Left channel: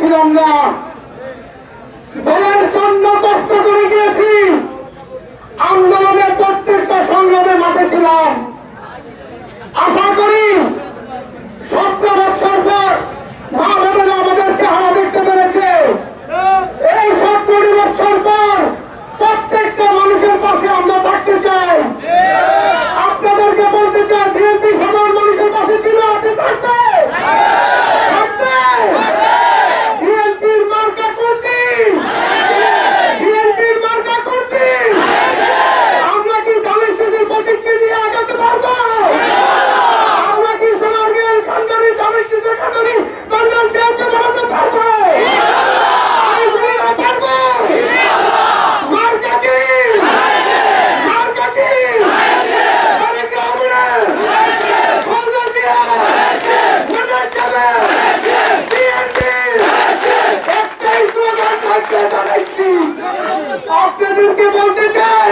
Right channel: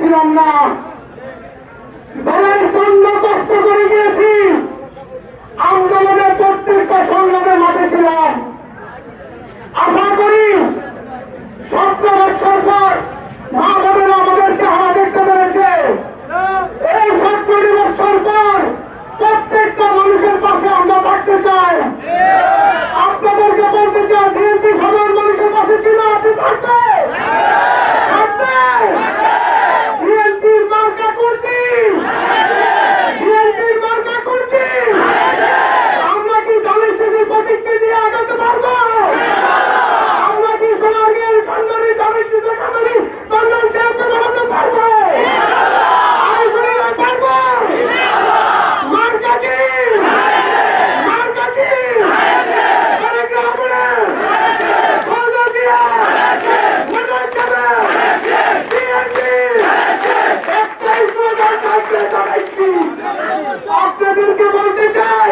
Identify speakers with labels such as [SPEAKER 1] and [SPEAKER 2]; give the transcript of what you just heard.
[SPEAKER 1] Tiranga Hold the tie!